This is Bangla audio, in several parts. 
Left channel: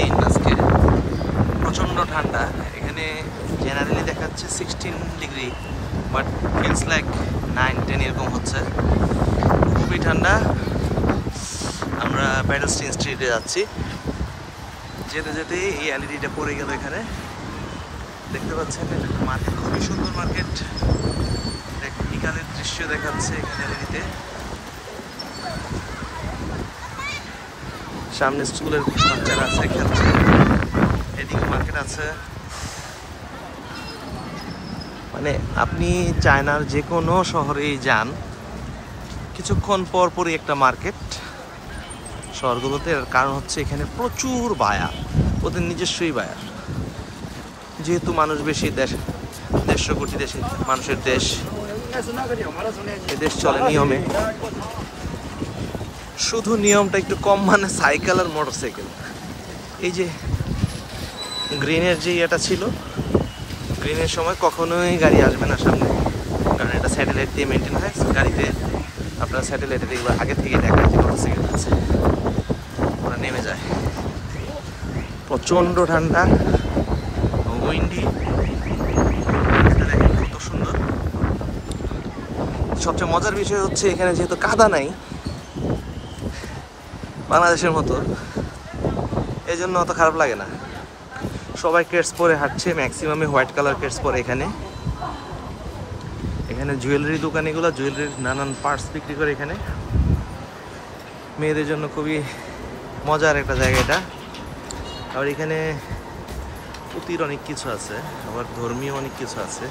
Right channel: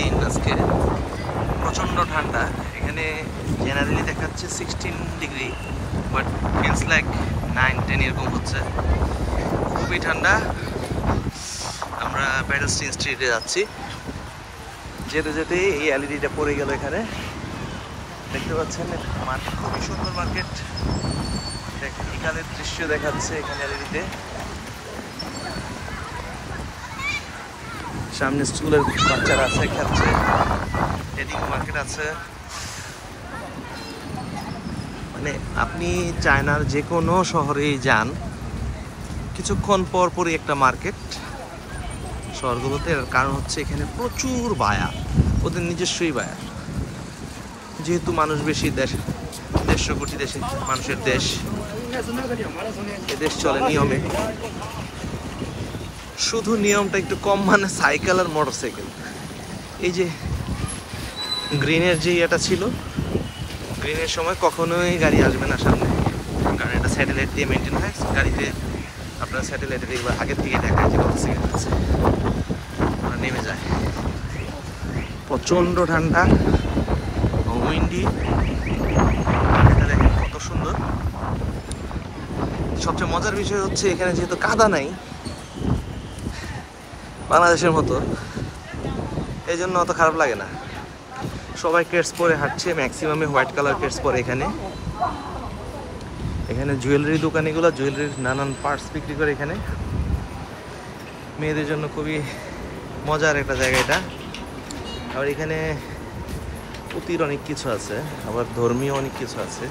দিন আজকে, প্রচণ্ড ঠান্ডা। এখানে জেনারেলি দেখাচ্ছে 16 ডিগ্রি, বাট ফিলস লাইক 9-10 এরকম হচ্ছে। খুবই ঠান্ডা। আমরা প্যাডেলস্টিন স্ট্রিটে যাচ্ছি। যেতে যেতে এই এলইডিটা পড়ে গেল। এখানে দেখতে পাচ্ছেন মার্কেট, খুবই সুন্দর মার্কেট। বিকালের দৃশ্য দেখাচ্ছে এখানে এলইডিতে। সামনে স্কুলের বাচ্চারা আছে, খেলছে। এদিকে মার্কেট আছে। মানে আপনি চায়নার যে কোনো শহরেই যান, কিছুক্ষণ পর পরই একটা মার্কেট শহরগুলোতে। এর কারণ হচ্ছে এখানে প্রচুর বায়া, ওদের নিজস্বই বায়া। যেহেতু মানুষ বেশি, 150 কোটি মানুষের দেশ, এ দেশ চলে নিয়মে। শুধু নিয়মটা একটু কম, মানে সাইকেল আর মোটরসাইকেল। এই যে গ্রিনের যে ইয়েটা ছিল, গ্রিনের সময় কখনোই গাড়ি আসবে না সামনে, কারণ এটা স্যাটেলাইট দিয়ে মেনটেন হয়। গাড়িতে আপনার স্যাটেলাইটের এগুলো আগে থেকে দেখায় যে মোটরসাইকেল আছে, ওরা নেমে যায়। প্রচণ্ড ঠান্ডা, উইন্ডি। এটা দেখেন কত সুন্দর। সবচেয়ে মজার বিষয় হচ্ছে এখানে যেহেতু কাদা নাই বাংলাদেশের মতো, এই জন্য অত খারাপ লাগে না। সবাই কেটস পরে হাঁটছে, ম্যাক্সিমামে হোয়াইট কালার কেটস পরে। এখানে জুয়েলারি দোকান, এগুলো জুয়েলারির নানান পার্টস বিক্রি করে এখানে। মেয়েদের জন্য খুবই মজার একটা জায়গা এটা। আবার এখানে পুঁতির অনেক কিছু আছে, আবার ধর্মীয় অনেক কিছু আছে।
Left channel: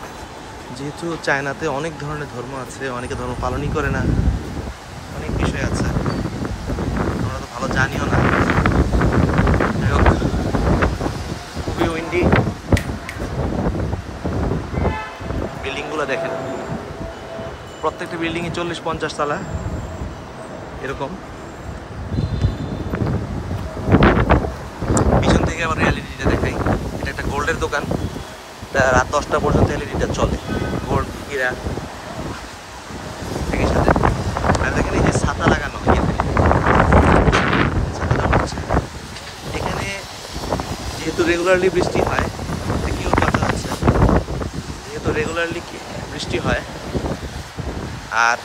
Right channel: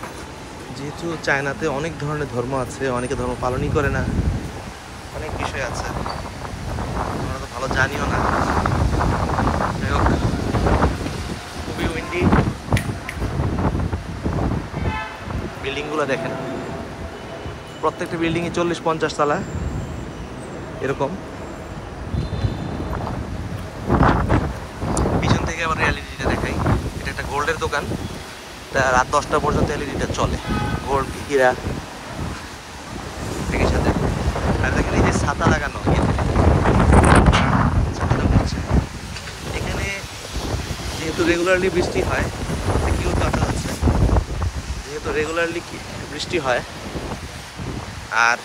যেহেতু চায়নাতে অনেক ধরনের ধর্ম আছে, অনেকে ধর্ম পালনই করে না, অনেক বিষয় আছে, আমরা তো ভালো জানিও না। যাই হোক, খুবই উইন্ডি। বিল্ডিংগুলো দেখেন, প্রত্যেকটা বিল্ডিংয়ে 40-50 তলা এরকম। পিছন থেকে আবার এলইডিটা দেখাই। এটা একটা গোল্ডের দোকান, রাত 10টা পর্যন্ত এলইডিটা চলে। গোল্ড, হীরা একই সাথে। আর দেখেন এই যে ছাতা লাগানো, এখানে যেহেতু রেগুলারলি বৃষ্টি হয়, দেখেও কথা হচ্ছে, যেহেতু রেগুলারলি বৃষ্টি হয় আর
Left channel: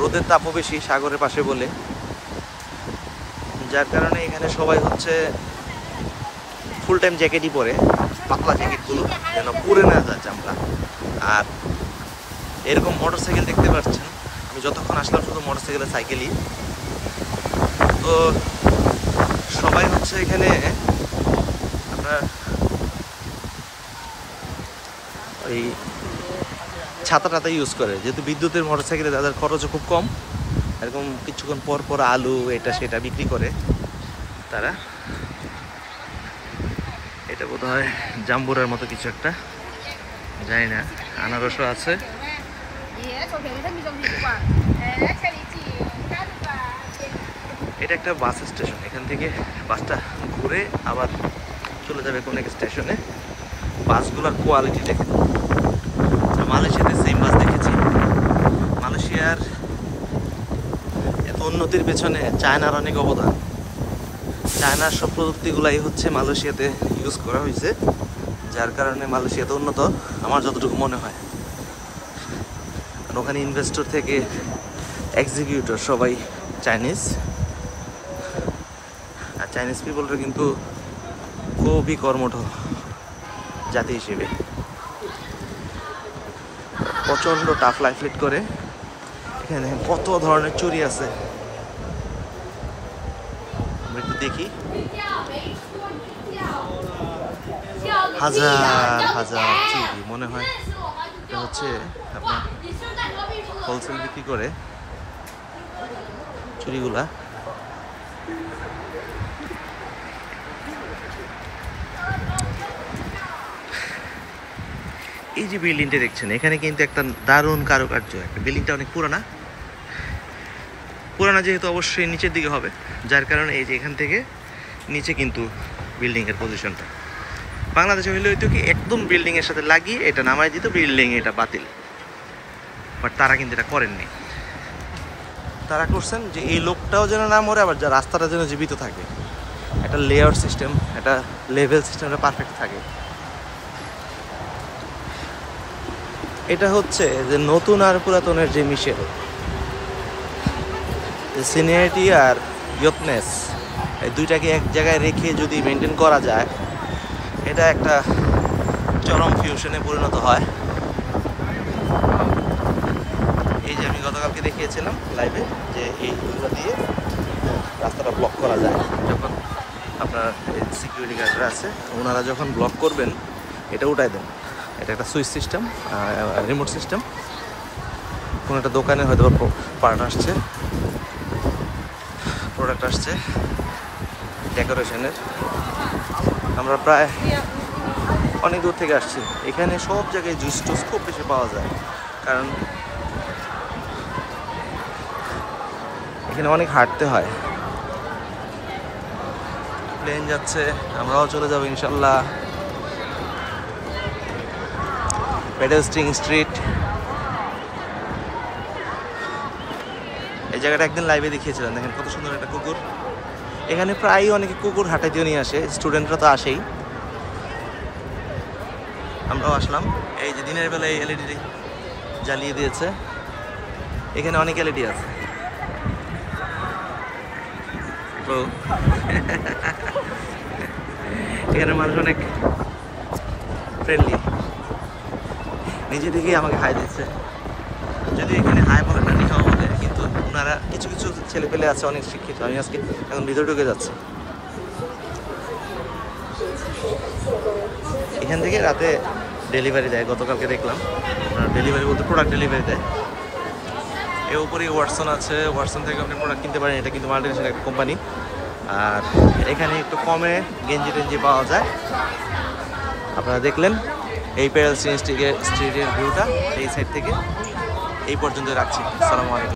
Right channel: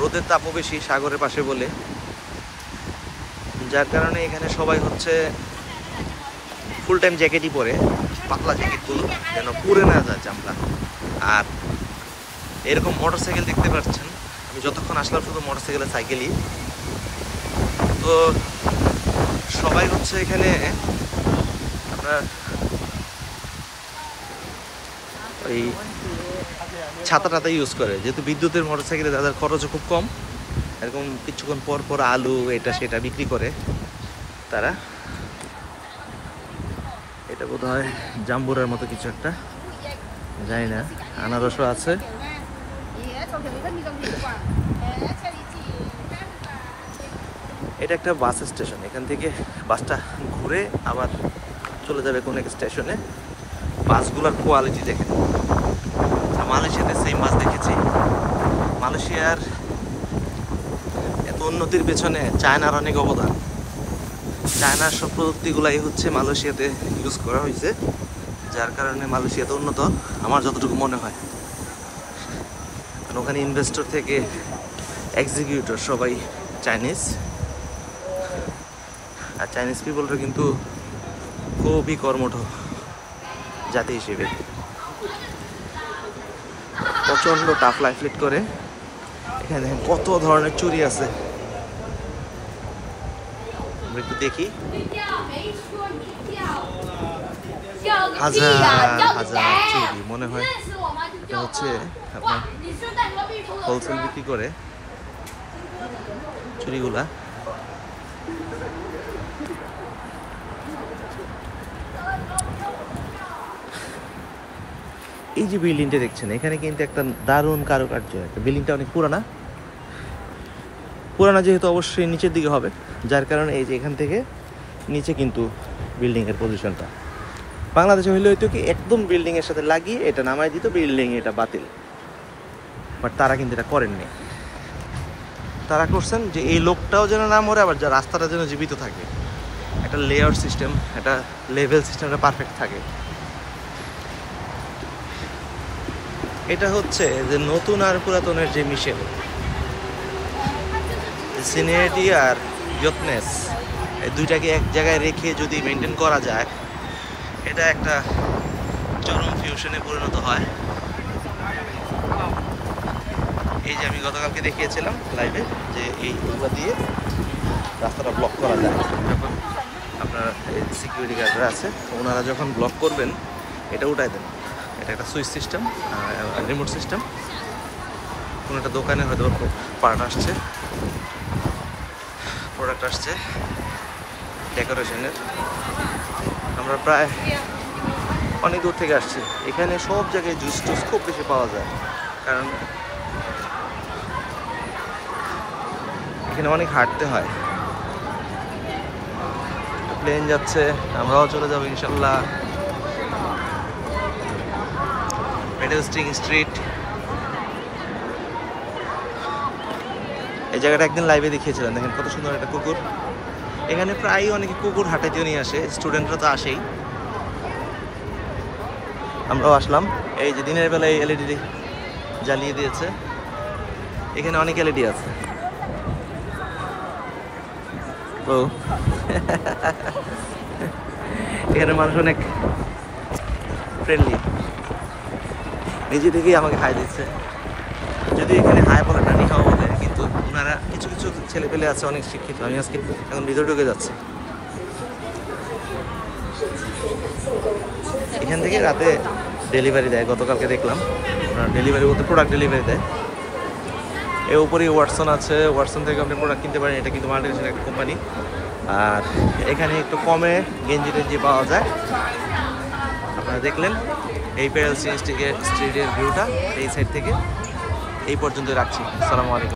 রোদের তাপও বেশি সাগরের পাশে বলে, যার কারণে এখানে সবাই হচ্ছে ফুল টাইম জ্যাকেটই পরে, পাতলা জ্যাকেটগুলো যেন পুড়ে না যায় চামড়া। আর এরকম মোটরসাইকেল দেখতে পাচ্ছেন, আমি যতক্ষণ আসলাম শুধু মোটরসাইকেলের সাইকেলই। তো সবাই হচ্ছে এখানে আপনার ওই ছাতা ইউজ করে, যেহেতু বিদ্যুতের মোটরসাইকেলে তাদের খরচও খুব কম। এরকম কিছুক্ষণ পর পর আলু এটা সেটা বিক্রি করে তারা। এটা বোধ হয় জাম্বুরার মতো কিছু একটা, জানি না। আনারসও আছে। এটা একটা বাস স্টেশন, এখান থেকে বাসটা ঘুরে আবার চলে যাবে কোন এক স্টেশনে। বাসগুলোর কোয়ালিটি দেখেন। মালয়েশিয়াতে সেম বাস দেখেছি। মালয়েশিয়ার এত উন্নতির পেছনে চায়নার অনেক অবদান। চায়নার সব প্রযুক্তিগুলাই হচ্ছে মালয়েশিয়াতে ইউজ করা হয়েছে, যার কারণে মালয়েশিয়াতে উন্নত, আমার যতটুকু মনে হয়। আর ওখানে ইনভেস্টর থেকে এক্সিকিউটর সবাই চাইনিজ। আর চাইনিজ পিপলরা কিন্তু খুবই কর্মঠ জাতি হিসেবে, প্রচণ্ড টাফ লাইফ লিড করে। এখানে দেখেন কত ধরনের চুরি আছে, আমরা একটু দেখি। হাজার হাজার চুরি, মনে হয় এটা হচ্ছে আপনার হোলসেল বিক্রি করে চুরিগুলা। এই যে বিল্ডিংটা দেখছেন, এখানে কিন্তু একটা দারুণ কারুকার্য। একটা বিল্ডিংটা অনেক পুরানা, যেহেতু অবশ্যই নিচের দিকে হবে, যার কারণে এই যে এখান থেকে নিচে কিন্তু বিল্ডিংয়ের পজিশনটা। বাংলাদেশে হইলে হয়তো কি একদম বিল্ডিংয়ের সাথে লাগিয়ে এটা নামাই দিত, বিল্ডিং এটা বাতিল। বাট তারা কিন্তু এটা করেননি। তারা করছেন যে এই লোকটাও যেন না মরে, আবার রাস্তাটা যেন জীবিত থাকে। একটা লেয়ার সিস্টেম, একটা লেভেল সিস্টেমটা পারফেক্ট থাকে। এটা হচ্ছে যে নতুন আর পুরাতনের যে মিশেল, সিনিয়রিটি আর ইয়থনেস, এই দুইটাকে এক জায়গায় রেখে যদি মেনটেন করা যায়, এটা একটা চরম ফিউশনে পরিণত হয়। এই যে আমি গতকালকে দেখিয়েছিলাম লাইভে যে এইগুলো দিয়ে রাস্তাটা ব্লক করা যায়। যখন আপনার সিকিউরিটি গার্ডরা আছে, ওনারা যখন ব্লক করবেন এটা উঠাই দেন। এটা একটা সুইচ সিস্টেম, রিমোট সিস্টেম। কোনো একটা দোকানে হয়তো পার্ট আসছে, প্রোডাক্ট আসছে ডেকোরেশনের। আমরা প্রায় অনেক দূর থেকে আসছি। এখানে সব জায়গায় জুস টুস খুব বেশি পাওয়া যায়, কারণ এখানে অনেক হাঁটতে হয়। প্লেন যাচ্ছে, আমরাও চলে যাবো ইনশাল্লাহ। পেডেস্ট্রিং স্ট্রিট, এই জায়গাটা একদিন লাইভে দেখিয়েছিলাম। দেখেন কত সুন্দর একটা কুকুর। এখানে প্রায়ই অনেকে কুকুর হাঁটাইতেও নিয়ে আসে, স্টুডেন্টরা তো আসেই, আমরাও আসলাম। এই যে দিনের বেলায় এলইডি জ্বালিয়ে দিয়েছে, এখানে অনেক এলইডি আছে। তো এখানে মানুষ অনেক ফ্রেন্ডলি, নিজে থেকেই আমাকে হাই দিচ্ছে। যদি এখানে হাই বলে না, নিহাও বলে, কিন্তু ওনারা কিছু কিছু ছেলে পেলে আছে অনেক শিক্ষিত। আমি আজকে এখন ভিতরে ঢুকে যাচ্ছি। এখান থেকে রাতে ডেলিভারি দেয়, গতকালকে দেখলাম। ডেলিভারি বলতে প্রোডাক্ট ডেলিভারি দেয়। এর উপরেই ওয়াটসন আছে, ওয়াটসন থেকে আপনি প্রোডাক্ট কিনতে পারেন। এটা কিন্তু মাল্টিনেশনাল একটা কোম্পানি। আর এখানে একটু কমে গেঞ্জি টেঞ্জি পাওয়া যায়। আপনারা দেখলেন এই পেডেস্ট্রিয়ান স্ট্রিটের ভিউটা এই সাইড থেকে। এই পর্যন্ত রাখছি। আসসালামু আলাইকুম।